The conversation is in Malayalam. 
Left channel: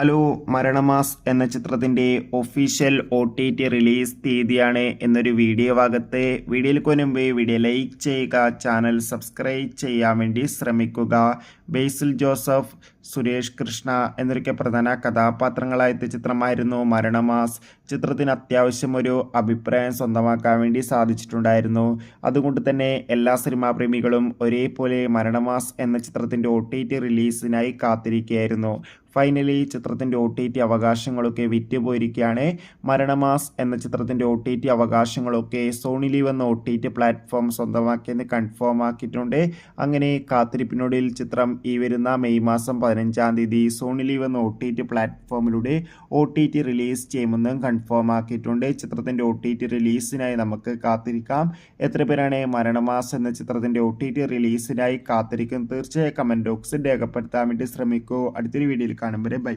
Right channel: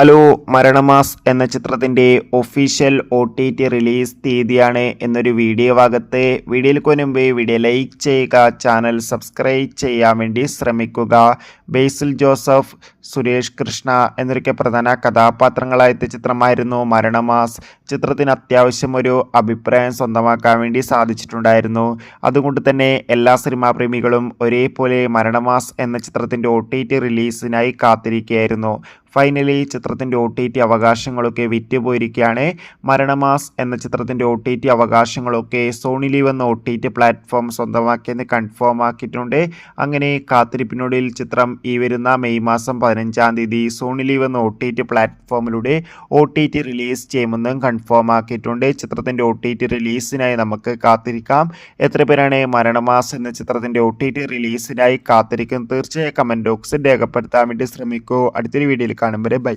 ഹലോ. മരണമാസ് എന്ന ചിത്രത്തിൻ്റെ ഒഫീഷ്യൽ OTT റിലീസ് തീയതിയാണ് എന്നൊരു വീഡിയോ ഭാഗത്ത്. വീഡിയോയിലേക്ക് മുൻപ് വീഡിയോ ലൈക്ക് ചെയ്യുക, ചാനൽ സബ്സ്ക്രൈബ് ചെയ്യാൻ വേണ്ടി ശ്രമിക്കുക. ബേസിൽ ജോസഫ്, സുരേഷ് കൃഷ്ണ എന്നൊക്കെ പ്രധാന കഥാപാത്രങ്ങളായ ചിത്രമായിരുന്നു മരണമാസ്. ചിത്രത്തിന് അത്യാവശ്യം ഒരു അഭിപ്രായം സ്വന്തമാക്കാൻ വേണ്ടി സാധിച്ചിട്ടുണ്ടായിരുന്നു. അതുകൊണ്ട് തന്നെ എല്ലാ സിനിമാ പ്രേമികളും ഒരേപോലെ മരണമാസ് എന്ന ചിത്രത്തിൻ്റെ OTT റിലീസിനായി കാത്തിരിക്കുകയായിരുന്നു. ഫൈനലി ചിത്രത്തിൻ്റെ OTT അവകാശങ്ങളൊക്കെ വിറ്റുപോയിരിക്കുകയാണ്. മരണമാസ് എന്ന ചിത്രത്തിൻ്റെ OTT അവകാശങ്ങളൊക്കെ സോണി ലീവ് എന്ന OTT പ്ലാറ്റ്ഫോം സ്വന്തമാക്കിയെന്ന് കൺഫേം ആക്കിയിട്ടുണ്ട്. അങ്ങനെ കാത്തിരിപ്പിനൊടുവിൽ ചിത്രം ഈ വരുന്ന മെയ് മാസം 15-ാം തീയതി സോണി ലീവ് എന്ന OTT പ്ലാറ്റ്ഫോമിലൂടെ OTT റിലീസ് ചെയ്യുമെന്നും കൺഫേം ആക്കിയിട്ടുണ്ട്. ചിത്രത്തിൻ്റെ OTT റിലീസിനായി നമുക്ക് കാത്തിരിക്കാം. എത്ര പേരാണ് മരണമാസ് എന്ന ചിത്രത്തിൻ്റെ OTT റിലീസിനായി കാത്തിരിക്കുന്നത്? തീർച്ചയായും കമൻറ്റ് ബോക്സിൽ രേഖപ്പെടുത്താൻ വേണ്ടി ശ്രമിക്കൂ. അടുത്തൊരു വീഡിയോയിൽ കാണും വരെ ബൈ.